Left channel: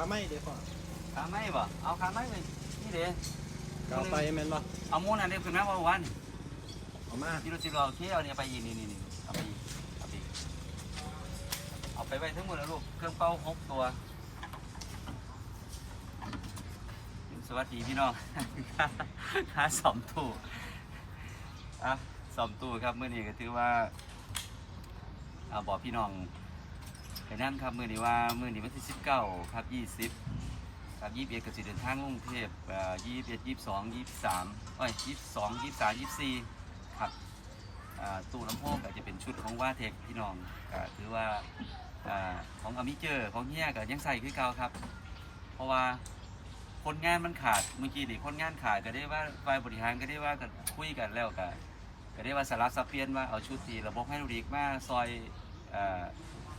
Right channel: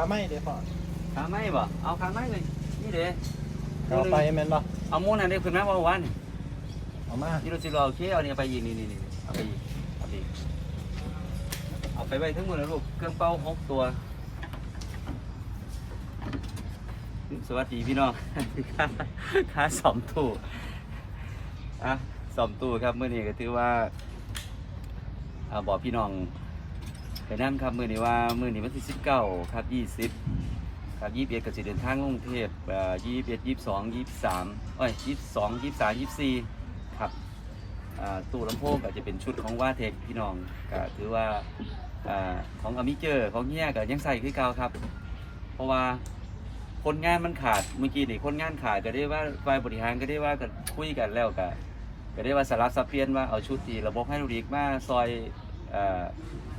ขาไม่เดี๋ยวพ่อขาไม้บ่เอาขาไม้เลยนี่เด้เอาไปแม่นบ่เอามูนอันนี้ขึ้นมาเมื่อวานนี่เอามาที่เราสิเราโอเคเอาเนี่ยไปอีกนี่นี่นี่เอาไปอีกเอาไปอีกเอาไปไว้ทั้งหมดแล้วลูกเครื่องเป่าหกตัวสวัสดีพี่น้องค่าค่าสอมตู้อะสอมตู้ครับเมื่อนี้ก็ถือว่าอ่าบอกพี่น้อง ไปนั่นครับมือนี้ว่ามือนี้วันที่สิบเก้าครับยี่สิบครับยี่สิบเอ็ดก็จะเดินทางกรุงเทพยี่สิบเอ็ดยี่สิบสองยี่สิบสามเอ้ยยี่สิบสองยี่สิบสามยี่สิบสี่ครับอ่าตู้ลำโพงก็จะเป็นชุดของว่าเทคพี่น้องก็ถือว่าอ่าของอมิเจอร์ของเฮียก็ยังใส่คือเก่าครับ เพราะว่าคนงานมันขาดเมื่อกี้นี่คนงานขาดก็ได้ว่าฝ่ายบริหารก็ได้ว่ากันคุยกันแล้วก็ก็ได้ว่าสารสับเปลี่ยนว่าเอาชุดที่ระบบให้ลูกดีกมาซอย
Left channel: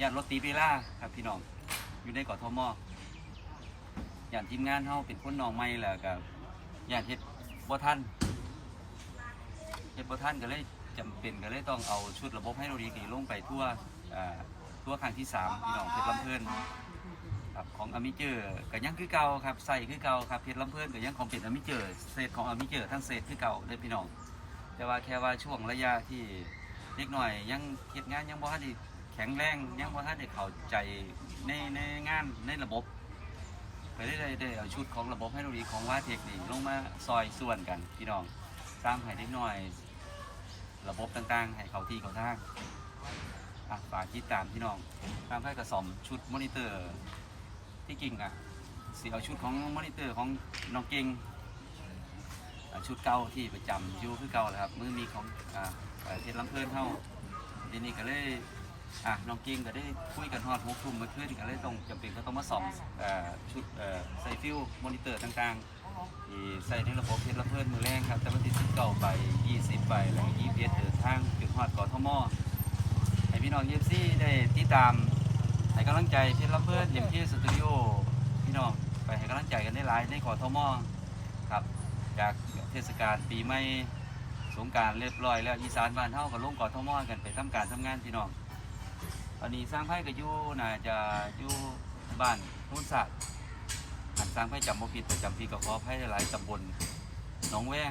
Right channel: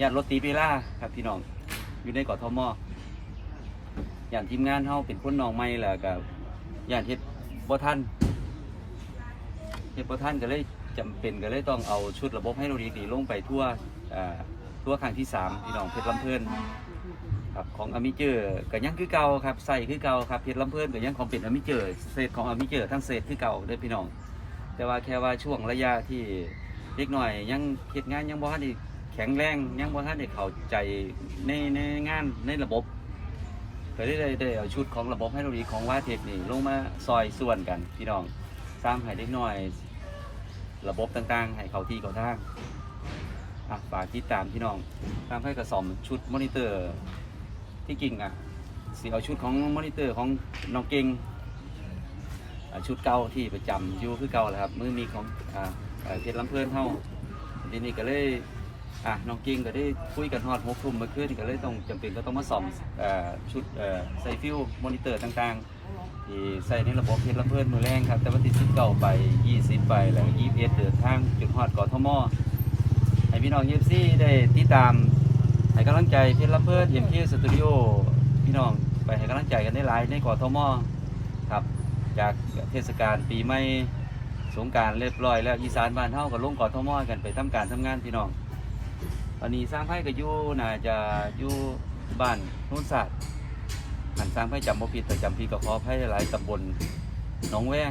ย่านรถตีเปล่าครับพี่น้องอยู่ในกทมย่านทีมงานเฮาเป็นคนน้องใหม่แหละกับย่านเฮ็ดบ่ทันเฮ็ดบ่ทันก็เลยจำเป็นก็เลยต้องเอาชุดระบบให้ลูกดีกนี่ลงไปทั่วทั่วครั้งที่สามพี่น้องเพชรลำเพิ่นครับของอมิเจอร์ก็ยังคือเก่าครับใส่คือเก่าครับเพชรลำเพิ่นก็ยังของเป็นอมิเจอร์เศษของอมิเจอร์ทั้งเศษคือเก่าเด้อพี่น้อง แต่ว่าแค่ว่าช่วงระยะที่เล็กหน่อยยังเฮ็ดงานยังบ่ทันได้ ข็งแรงยังบ่ทันได้เข้าใจในในงานในระบบก็ได้ได้ได้เอาชุดของระบบให้เราดีของว่าเทคนี่ลงมาซอยส่วนกันพี่น้องตามให้เล็กหน่อย ระบบต่างๆ ให้เขาที่เขาทางอะฝากติดตามพี่น้องตามให้กระสอมชุดมอนิเตอร์ ที่จริงอะสีเอาชุดของมอนิเตอร์ของน้องเก่งชุดเก่าที่ประจำอยู่คือเก่าแหละครับมือมีของอ่าอ่าเพชรลำเพลินเท่าทีนี้ก็เลย อะน้องเก่งก็ได้คุยกันฮอดหกทุ่มเมื่อคืนก็เลยต้องจำเป็นก็ต้องมาซ่อมอ่าชุดเอ่อใส่ฟิวมอนิเตอร์ต่างๆที่ใส่ในระบบเพชรลำเพลินมือแรงครับแต่วันที่สิบเก้าไปยี่สิบไปแล้วยี่สิบเอ็ดเดินทางจุดฮอดกอทมให้พี่น้องเยฟซี่ได้ติดตามให้กำลังใจเพชรลำเพิ่นเอ็มพีสตูดิโอพี่น้องไปให้กำลังใจกันได้หลายในกอทมครับจากเทศกาลปีใหม่สงการเรียบร้อยแล้วอีสานบ้านเฮาก็ลงกอทมกันไปทำการทำงานพี่น้อง ตอนนี้สร้างไพ่ก็อยู่น่าจะอยู่บ้านโนุ่นศาสตร์หันสร้างไพ่จำบ่ผิดแต่จำพี่ก็ขอไพ่หลายตำบลหนองแวง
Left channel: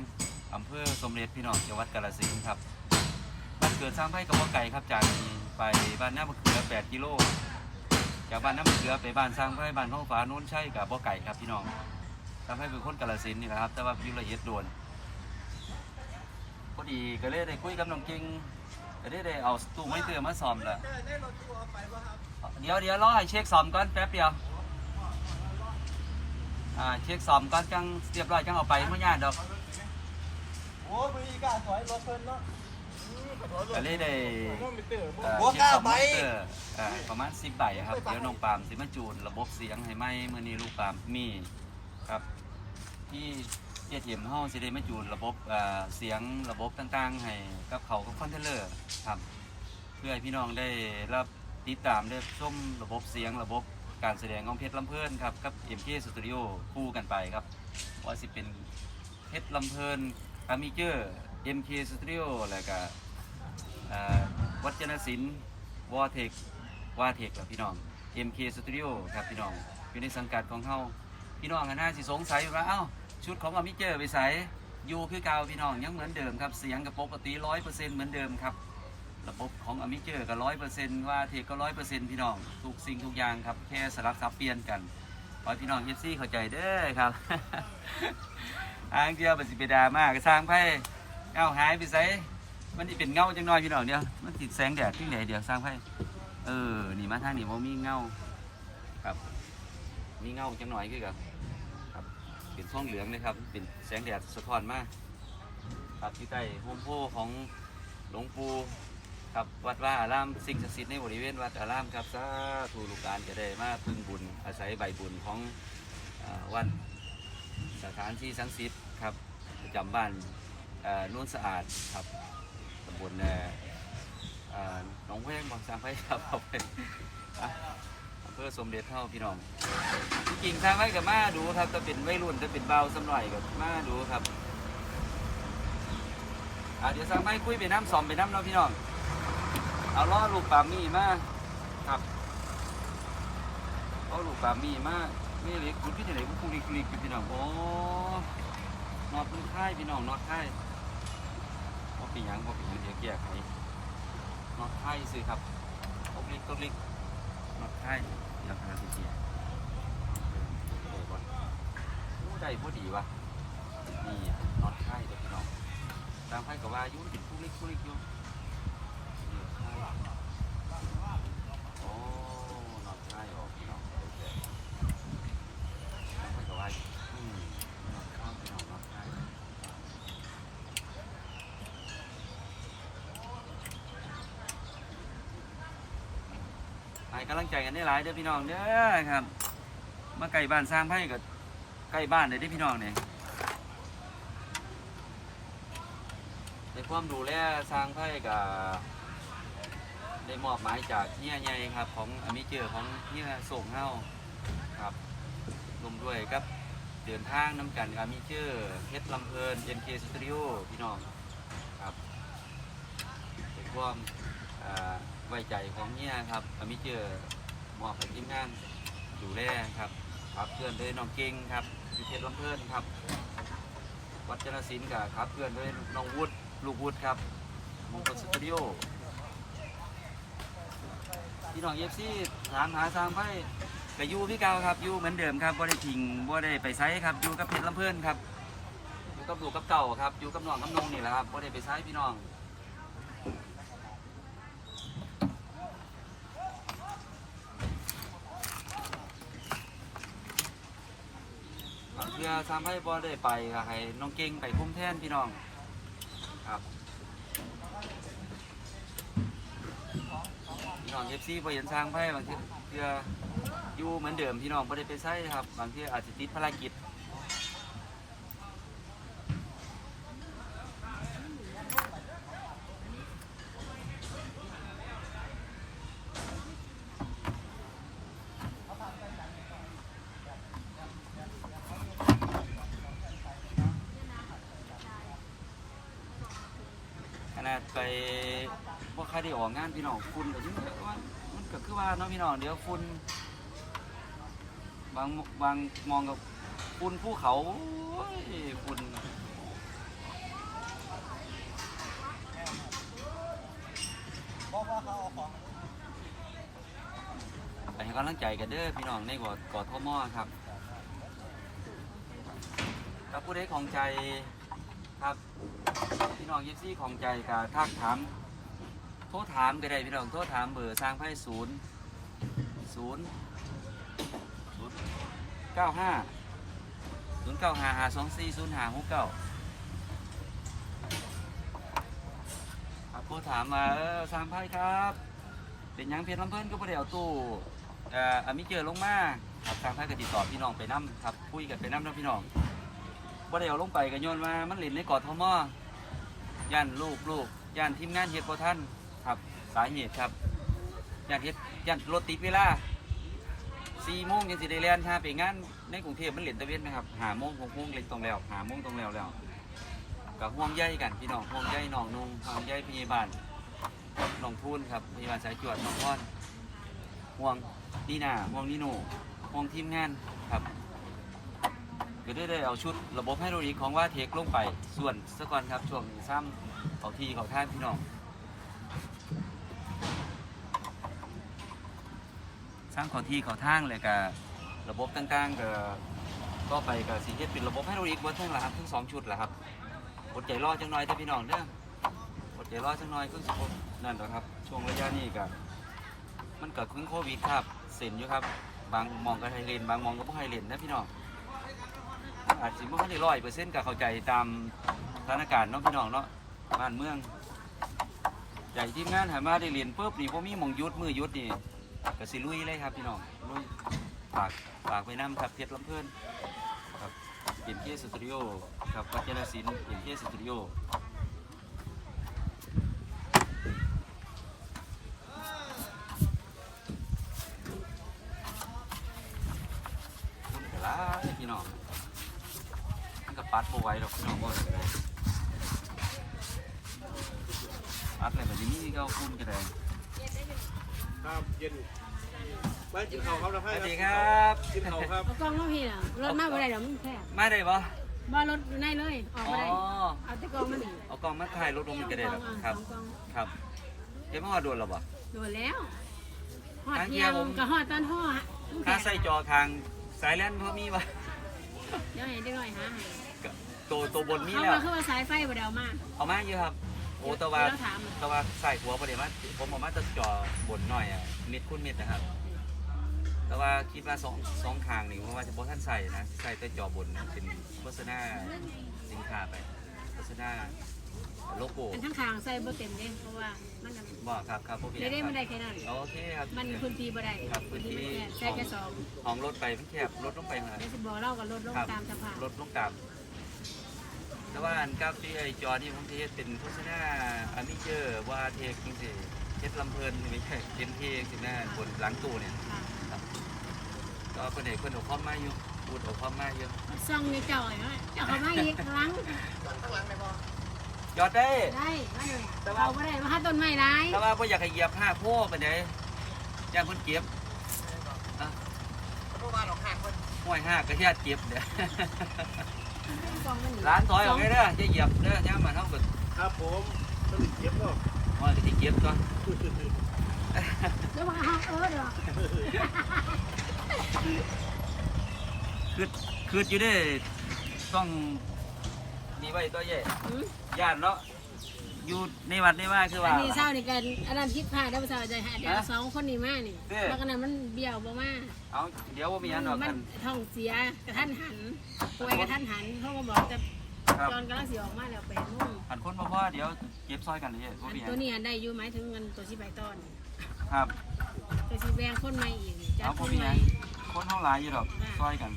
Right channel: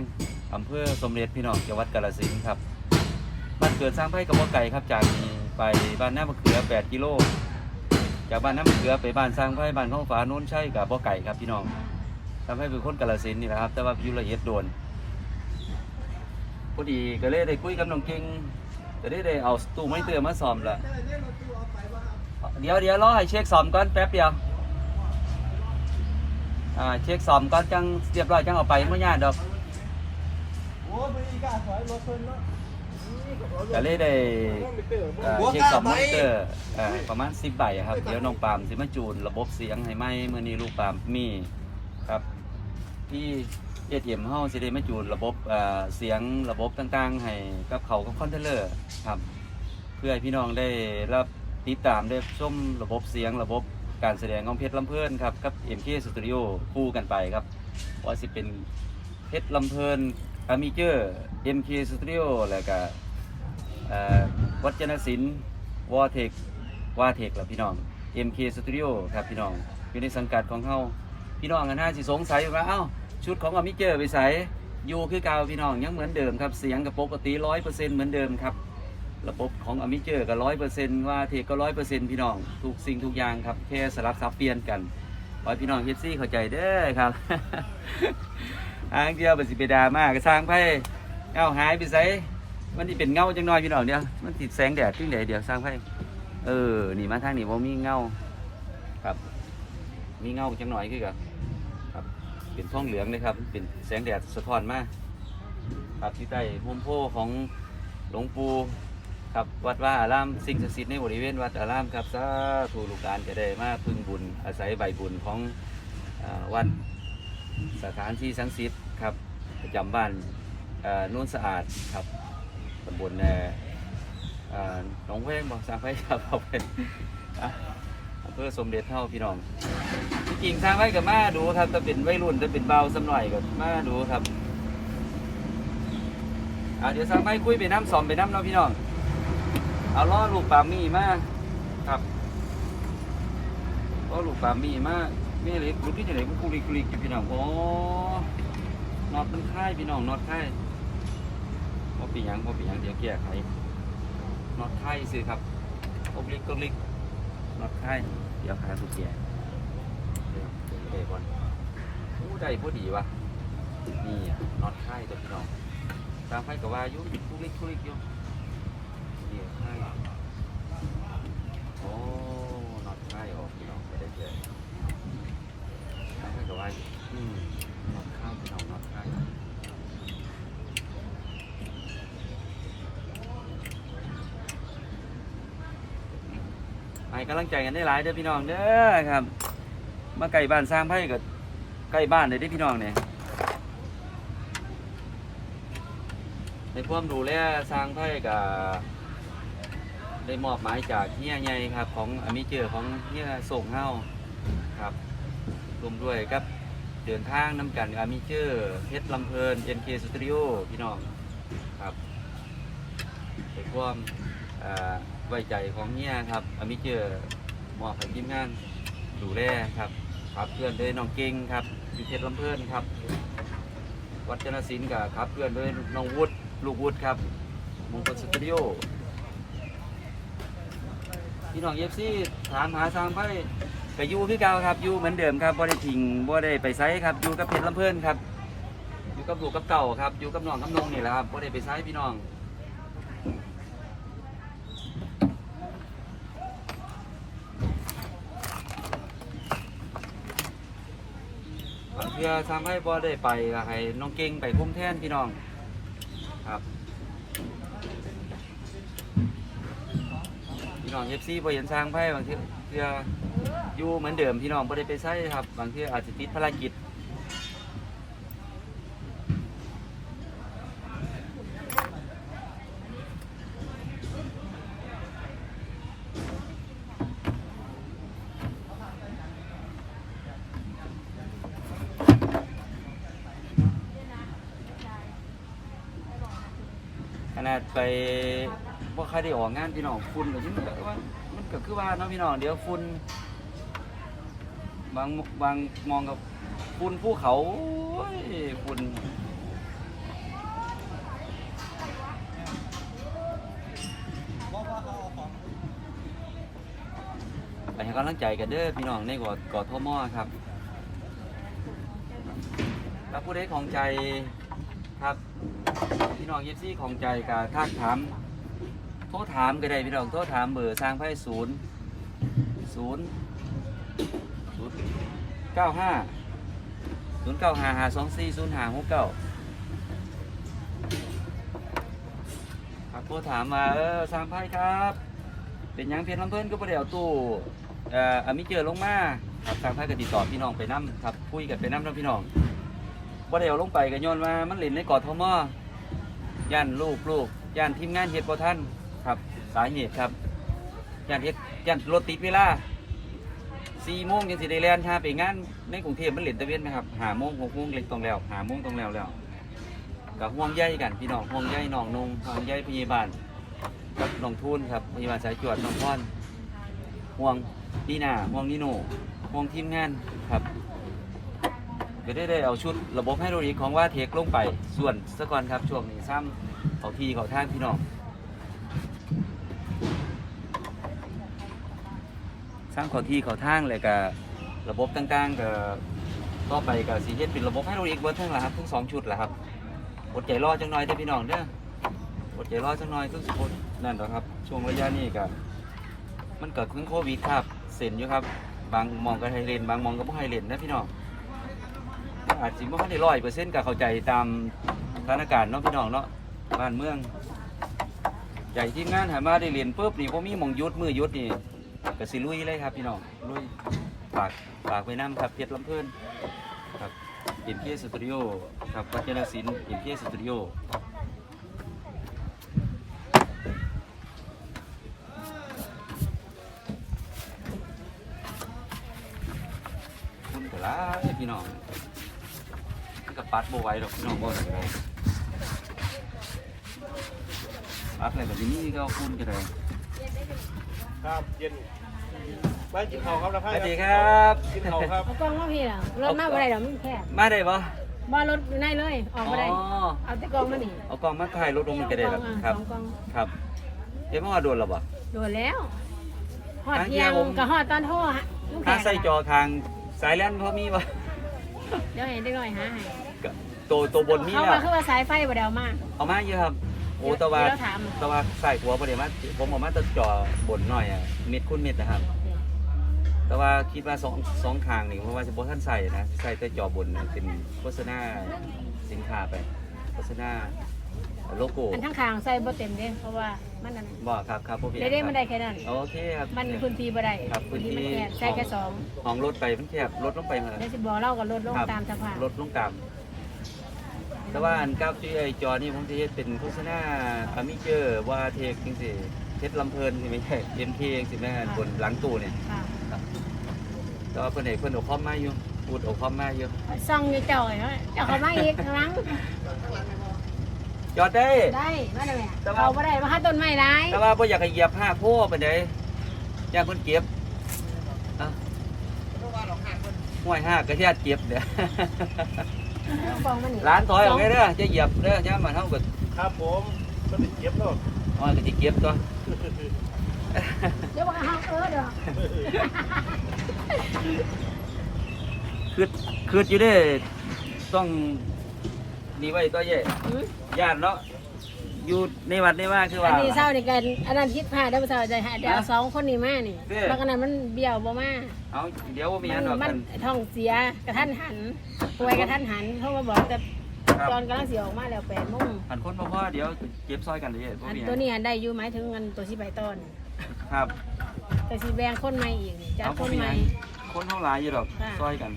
อำเภอสมเด็จพี่น้องจังหวัดกาฬสินธุ์ครับบ้านเกิดสร้างไพ่กับบ่ไก่ครับจากนี้ไปบ้านน้ามะเขือ 8 กิโล จากบ้านน้ำเขือไปบ้านสร้างไผ่บ้านข้องฟ้าโน้นใช่กับบ่อไก่ครับพี่น้องทำให้เป็นคนกาลสินธุ์นี่แหละครับ แต่ว่าอยู่ละเอียดโดนพอดีก็เลยได้คุยกับน้องเก่งก็ได้ได้เอาตู้ไม้เตือมาซ่อมละ เดี๋ยวเดี๋ยวรอให้เช็คซ่อมก่อนแป๊บเดียว อ่าเช็คซ่อมก่อนจังเรียบร้อยจังเอาไปเมื่อยากดอกก็เลยได้เอ่อเช็คสอบมอนิเตอร์เอ่อประมาณ10ใบอะครับ เดี๋ยวน้องปาล์มสิมาจูน ระบบเสียงให้ไหมเมื่อนี้ลูกปาล์มมีครับ ที่เอทีเอ็มเฮาสิได้มาจูนระบบเอ่อเสียงระบบต่างๆ ให้กับเขากับคอนเทนเนอร์ครับ เพื่อให้พี่น้องได้รับ ติดตามได้ชมระบบเสียงระบบการแสดงของเพชรลำเพลินครับกับ MK Studio คู่กันไปครับว่าสิเป็นเพชรลำเพลินอามิเจอร์ MK Studio แล้วก็วัจนศิลป์วอเทควาเทคแหละพี่น้อง MK Studio ครับพี่น้องอยู่ในสังกัดของเขาพี่น้องกันน่าสิสงสัยว่าเอ้าชุดของอามิเจอร์ไปใส่อยู่คือเก่าพี่น้องยังเหมือนเดิมครับเสียงกับปกติร้อยเปอร์เซ็นต์เหมือนเดิมครับ ระบบของอมิเจอร์ก็ร้อยเปอร์เซ็นต์ว่าเทก็ร้อยเปอร์เซ็นต์พี่น้อง ทุกสิ่งทุกอย่างครับ แค่สลับซับเปลี่ยนกันขอพี่น้องเฮดซี่เข้าใจเด้อครับอ้างเดียวเป็นสิเปดามากสร้างไพ่เอ้าหายไปใส่มันนี่เป็นเงาจังน้อยพี่น้องเดียวมันติดแสงแดดขึ้นแดดเดียวสร้างไพ่เออนี่มาทางนี้บ่ามีเงาครับ มีเงาจังน้อยคือกับครับเป็นท้องเหลืองเลยครับ เป็นแสงแดดสะท้อนมาครับที่ใต้โฮมโพของหลวงปู่ ครับวัดว่าอารามสิ่งศักดิ์สิทธิ์ในบริเวณวัดอารามครับสาธุลูกหลานจะได้มาพึ่งบุญอาศัยใบบุญของอวัดสถานที่ศักดิ์สิทธิ์ครับประจำบ้านนุ่นสะอาดครับตำบลหนองแวงบอกสางไว้ครับเอาไปอะอำเภอสมเด็จเท่าพี่น้องที่จริงสร้างไว้กับมาดูครับจะเป็นวัยรุ่นจะเป็นเบาสักหน่อยกับมาดูครับเดี๋ยวสร้างไว้คุยไปน้ำสอมไปน้ำเนาะพี่น้อง เอาล้อลูกปามี่มาครับล้อลูกปามี่มามีอะไรรุดที่ไหนกุลิกุลิอยู่พี่น้องโอ้น็อตมันค่ายพี่น้องน็อตค่ายพอปีหยังพอปีหยังเดี๋ยวแก้ไขน็อตค่ายซื้อครับกุลิกุลิน็อตค่ายเดี๋ยวหาสุดแก่เดี๋ยวตัวนี้ได้ก่อนอู้ได้พอดีวะนี่อะน็อตค่ายตัวพี่น้องตามไฟกับว่าอยุ่กุลิกุลิอยู่ เดี๋ยวค่ายโอ้น็อตค่ายออกพี่น้องไม่ได้เลยทำให้กับว่าอืมนอดข้าวพี่น้องนอดข้าวให้กำลังใจกันได้หลายเด้อพี่น้องเด้อครับ มาไก่บ้านสร้างไพ่กับใกล้บ้านเลยเด้อพี่น้องเนี่ยในความดูแลสร้างไพ่กับ ได้มอบหมายจากเฮียใหญ่ครับ ของอมิเจอร์ของเฮียส่งเฮาครับรวมด้วยครับเดินทางน้ำกันอามิเจอร์เพชรลำเพลิน NK Studio พี่น้องครับในความอ่าไว้ใจของเฮียครับอามิเจอร์มอบให้ทีมงานดูแลครับครับเพื่อนด้วยน้องเก่งครับอยู่เพชรลำเพลินครับ วัดจนศิลป์กับครับเพื่อนด้วยน้องวุฒิลูกวุฒิครับมงคลสตูดิโอ พี่น้องเอฟซีถามหาทางไพ่ก็อยู่คือเก่าครับอยู่เหมือนเดิมครับบ่ได้ทิ้งบ่ได้ไปไซครับอยู่กับเพชรลำเพิ่นครับอยู่กับลูกกับเก่าครับอยู่กับน้องกับนงนี่แหละครับบ่ได้ไปไซพี่น้องเทื่อทำให้บ่ได้ไปให้น้องเก่งไปคุ้มแทนพี่น้องครับ พี่น้องเอฟซีบ่เห็นทางไพ่บางทื่อเทื่ออยู่เหมือนเดิมพี่น้องไม่ได้ไปใช้ครับ บางทีอาจจะติดภารกิจขนาดไป ว่าใครได้ออกงานพี่น้องฝุ่นก็ยังแบบว่ามันก็คือว่าเนาะพี่น้องเดี๋ยวฝุ่นบางบางมองกับฝุ่นภูเขาฝุ่นไปให้กำลังใจกันเด้อพี่น้องในกอดกอดทมอครับถ้าผู้ใดของใจครับพี่น้องเยซี่ของใจกับทักถาม รถามก็ได้พี่น้องโทรถามเบอร์สร้างไพ่ศูนย์ศูนย์ศูนย์เก้าห้าศูนย์เก้าห้าห้าสองสี่ศูนย์ห้าหกเก้าครับผู้ถามมาเออสร้างไพ่ครับ เป็นยังเพียรลำเพิ่นก็ประเดี๋ยวตู้เอ่ออามิเจอลงมาครับสร้างไพ่ก็ติดต่อพี่น้องไปน้ำครับคุยกันไปน้ำนะพี่น้องประเดี๋ยวลงไปกันโยนมามันหลินในกอดทมอย่านลูกลูกย่านทีมงานเฮ็ดบ่ท่าน ครับ สาเหตุครับย่านเฮ็ดย่านรถติดเวลาสี่โมงยังสิได้เรียนชาไปงานในกรุงเทพมันเหรียญตะเวนไหมครับหาโมงหกโมงเล็กตรงแล้วหาโมงตรงแล้วแล้วกับห่วงใยกันพี่น้องห่วงใยน้องนงห่วงใยพยาบาลกับน้องทูนครับพยาบาลสายจวดน้องพรห่วงนีนาห่วงนิโนห่วงทีมงานครับก็ได้ได้เอาชุดระบบไฮโดรลิกของว่าเทคลงไปส่วนสะก่อนครับช่วงนี้ซ้ำเขาทีเขาท่านพี่น้อง สร้างขอที่ขาทางเลยกับระบบต่างๆกับต่อไปกับสีเฮ็ดเป็นระบบให้เราอีกเบิร์ทั้งละครับทั้งสองชุดแหละครับอดใจรอจังหน่อยแต่พี่น้องเด้ออดใจรอจังหน่อยก็สิบนั่นหละครับ ช่วงระยะนี้กับมันเกิดขึ้นโควิดครับเส้นอยู่ครับ บางมองก็ให้เลนบางมองก็ไม่ให้เลนนะพี่น้องอาจจะไม่ค่อยได้ร้อยเปอร์เซ็นต์กับเข้าใจตามสถานการณ์เนาะพี่น้องเนาะบ้านเมืองใหญ่ทีมงานหามาได้เรียนปุ๊บนี่พอมีมองยุดมือยุดนี่ ก็สิลุยเลยครับพี่น้องลุยฝากฝากไว้น้ำครับเพชรลำเพิ่นครับอินเพียสตูดิโอครับวัชรศิลป์อินเพียสตูดิโอคุณกะลาพี่น้องมันกับปัดโบไว้ดอกพี่น้องก็ได้ก็ได้ปัดอะไรแบบนี้ก็คุณก็ได้ครับเย็น บ้านจิ๋วเขาครับนะสพ่อวัสดีครับเอากล้องมาพี่ล่ะรถมาบ่ได้ดอกมันแคบมาได้ปะบ่รถอยู่ในเลยออกอ๋อบ่ได้เอาแต่กล้องมานี่เอากล้องมาถ่ายรถลงมันก็ได้ครับเอาครับ สองกล้องครับ เดี๋ยวมาโดนหรอปะ โดนแล้วฮอดทางเที่เที่ยยวงผม ก็ฮอดตอนโทรฮะลูกแขถ้ากใส่จอทางสายแลนเขามีปะเดี๋ยวเห็นได้หน่อยหาให้ก็ตัวตัวบนนี่เขาแล้วว่าคือว่าสายไฟบ่ได้เอามา เอามาเยอะครับ โอ้แตะวันเดี๋ยวถาม ตะวันใส่หัวประเดี๋ยวมาผมเอามาจะจอบนหน่อยอะเม็ดคุณเม็ดนะครับ แต่ว่าคิดว่าสองสองทางนี่เพราะว่าจะบท่านใส่นะใส่แต่จอบนนะเป็นโฆษณาสินค้าไปโฆษณาโลโก้อันทั้งคางใส่บ่เต็มเด้เพราะว่ามันนั่นบ่ครับครับโอเคได้ได้มันได้แค่นั้นโอเคครับมันพื้นที่บ่ได้ครับพื้นที่มันแคบใส่แค่สองห้องรถไปมันแคบรถลงไปเลยเดี๋ยวสิบอกเล่ากับรถลงครับตามสภาพรถลงตามแต่ว่าอันกับที่ไอจอนี่ผมจะเฮ็ดเป็นโฆษณาอามิเจอร์ว่าเทคจริงสิเฮ็ดลำเพลินคือไม่ใช่เอ็มพีสิแม่บนหลังตู้เนี่ยค่ะ ก็เพิ่นเอกเพิ่นเอาคอมมาอยู่พูดเอาคอมมาอยู่ซ่องอยู่เจ้าไอ้เนาะเจ้าเขามาอีกครั้งจอดได้ ได้มาเลยแต่ว่าเอาบ่ได้มาหาต้นไม้ร้ายแต่ว่าบ่อยากให้เหยียบห้าโพไปไหนย่างเพิ่นเก็บอะห้วยห้ากระเทียดเก็บเด้อเอากองมานี่ร้านถอยออกไปเด้อจะเหยียบเด้อย่ามมาเท่ากับครับผมก็ติดเก็บแล้วอ้อยก็สิเก็บตัว เดี๋ยวมาหาเออเด้อ คือคืออยู่เด้อต้องดีไว้ตัวใหญ่หืมญาติเนาะอยู่ในวัดในว่าคืออัว่านนี้เศร้านี่กันอันนั้นคิดพลาดแล้วเศร้าใจหาเดี๋ยวเอาสองคนนี้มานี่เด้แล้วก็นั้นมันเบี้ยวบ่มาเอาเดี๋ยวบ่มีอันดอกมักัน ท้องเสียกระทันหันป่วยกระทันหันเขามาบอกแต่ครับ ตอนกำลังเสียออกมาแล้วแปดโมงหันคนบ่พอเดี๋ยวเก็บซอยกันเลยบ่อันมีอัตัวนนี้อันได้อยู่หมายถึงเงินตัวที่ใบต้นครับ แต่สีแบงคนใหม่อีกนี่จากเอาคบ่นมีใหอัม่นคนเฮาหลายอยู่ดอกค่ะ ซอยกัน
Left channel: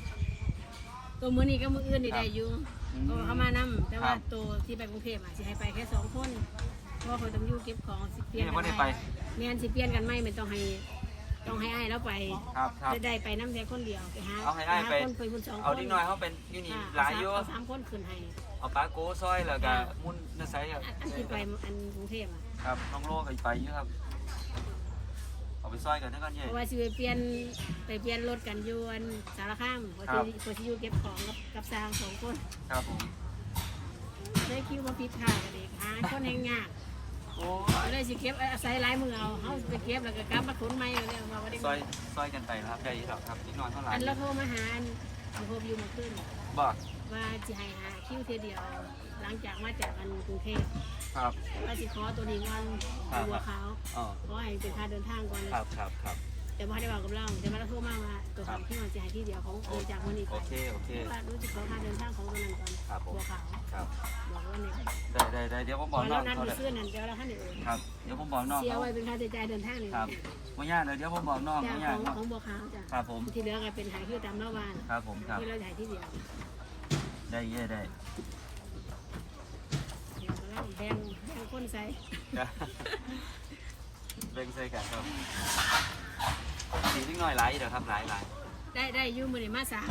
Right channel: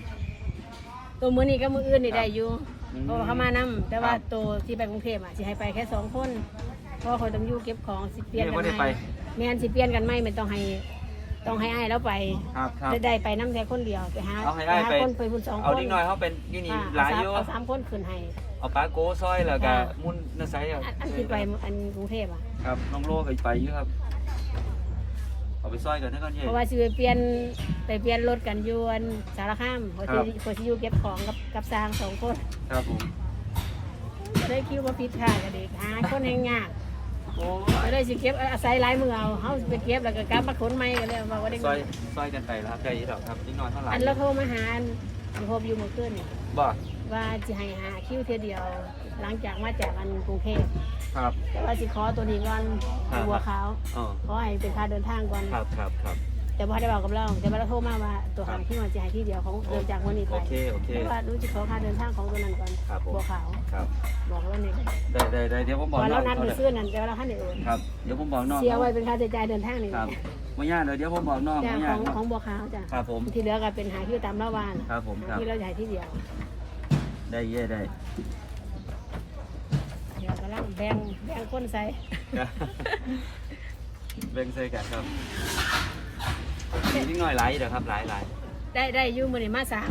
ตัวมือนี้ก็มืออื่นนี่ได้อยู่อืมเพราะว่าเขามานํแต่ว่าครับ ตัวที่ไปกรุงเทพอะสิให้ไปแค่สองคนเพราะว่าเขาต้องอยู่เก็บของสิเปลี่ยนนี่กับ่นได้ไหไปมแม่นสิเปลี่ยนกันไหมไม่ต้องให้ต้องให้อ้ายแล้วไปครับครับได้ได้ไปน้ำแค่คนเดียวไปหาเอาให้อ้ายไป หคนไปพุ่นสองคนเอาดิ้งน้อยเฮาเป็นอยู่นี่ค่ะหลายอยู่เอาสามคนขึ้นให้ เอาปลาโกซอยแล้วก็ค่ะ มุนนาไซอะอันอันที่ไปอันกรุงเทพอะครับน้องโลก็ไปอยู่ครับ เอาไปซอยกันนะก่อนเย่ เพราะว่าสิไปเปลี่ยนไปเปลี่ยนรถกันอยวนสารคามเขาครัสิบเขาสิอยู่เก็บของกับกับสร้างสองคนครับผมจะได้คิวมาผิดค่ะกันเด็กหาคนแห่งยากโอ้จะได้สิเก็บอาศัยหลายมือเอาเฮาสิไปเก็บแล้วก็กลับมาขนใหม่กันเลยมาว่าได้ซอยซอยกันไปแล้วครับใจดีดอกครับดิ้งน้อยเท่าไหร่อันแล้วเขามาหาอันอันพบอยู่เมื่อคืนบ่ว่าสิให้หาคิวเทียเดียว หลังจากมาจากอันกรุงเทพ ครับ แต่ว่าสิขอตัวนี้ก่อนครับบัวขาวอ๋อขอให้เป็นค่าเดินทางก่อน ครับครับครับ แต่พอได้บอกกับเราแต่ว่าเราโทรมาว่าตัวครัหาบงที่มันจะให้ที่เดียวของเดินจากวันนี้ไปโอเคโอเค แต่ว่ารู้สึกขอค่าเดินทางของตัวนั้นก่อนครับผม บัวขาวครับ บอกแล้วเนี่ยได้ได้ได้เดี๋ยวผมพบอกอน้เราองนัดเขาไปเลยซื้อนั่นแต่ว่าเราขั้นเดียวครับ เดี๋ยวผมบอกน้องเสียเขาไว้เป็นค่าใช้จ่ายเดินทางนี่ครับไม่ยากเลยเดี๋ยวผมบอกน้องจ้ะไม่ขยาอกงเนาะของบัวขาวจ้ะครับผม ที่เหลือก็เป็นหาคิวตามละวานครับผมครับ ที่เราจะให้ที่เดียวได้เย่ได้ เดี๋ยวกำลังแบ่งแบ่งคนใส่เบ่งใส่กันครับมีนิดหน่อยหลายเด้อครับหลายหลายได้ได้อยุ่มือนี่มาสาม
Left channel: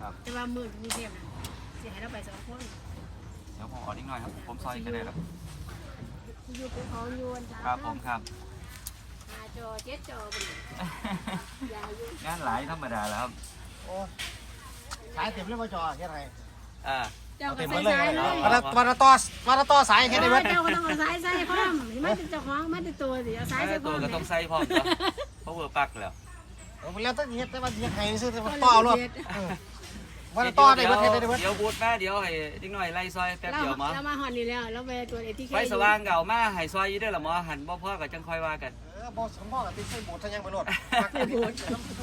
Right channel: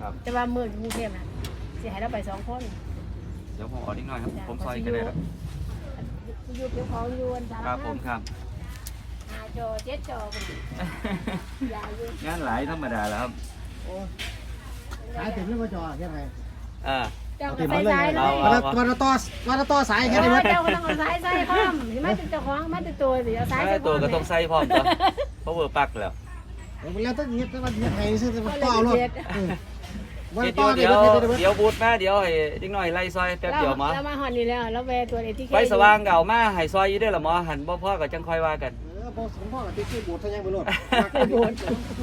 ครับ แต่ว่ามือกรุงเทพน่ะสิให้เราไปสองคนเดี๋ยวผมเอานิดหน่อยครับ ผมซอยก็ได้แล้วอยู่เป็นของอยู่วันจันทครับผมครับหาจอเจ็ดจออยาอยู่งานหลายธรรมดาแล้วครับสายเต็มแล้วมาจอยังไงอ่า เจ้าก็ใส่สายเลเอายเอาวันละต่อวันละต่อสายแค่นี้มั้ยเจ้าก็ต้องเอาสายใส่พร้อมเห็นไหมเจ้าของมันจะตัวเดี๋ยวสายถ้าใส่พร้ตัอวมก็ต้องใส่พร้อมตัวเพราะเวอร์ปักแล้วแล้วต้องเงี้ยแต่ว่าเงี้ยไงซื้อแต่ว่าต่อรถวันเดี๋ต่อยวเดี๋เดี๋ยยววเดี๋ยวเดี๋ยวบูดมาเดี๋ยวให้นิดหน่อยไล่ซอยแป๊บเดียวหมาแล้วมาหอนนี่แล้วแล้วไปตัวเอทีเคไฟสว่างเก่ามาให้ซอยอยู่ได้อละหมอหันบ่พ่อก็จังค่อยว่ากัน เออพอสมพ่อติดใส่บูดทั้งยังไปรถไปบูด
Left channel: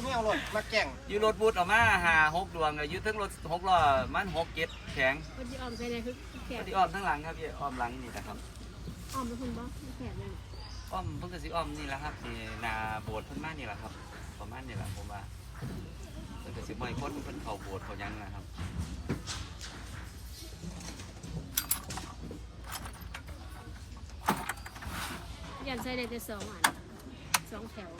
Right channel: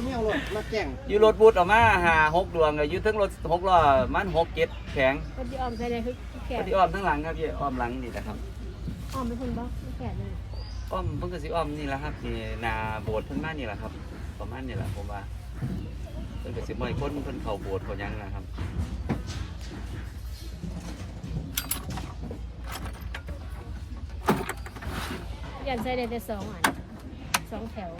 ไม่เอารถมาแก่งอยู่รถบูดออกมาหาหกดวงก็อยู่ทั้งรถหกล้อมันหกเจ็ดแข็งก็จะออมใส่เลยคือแขพนอดีอ้อมทั้งหลังครับพี่อ้อมหลังนี่แหละครับออมเป็นคนบอกแขนเลยอ้อมเพิ่งก็สิอ้อมนี่แหละครับนี่นาโบสถ์เพิ่นมานี่แหละครับ ประมาณนี่แหละผมว่าเพิ่นก็สิบ่ให้คนเพิ่นเข้าโบสถ์เขาหยังนะครับยันใส่ได้แต่สองอัน สองแถว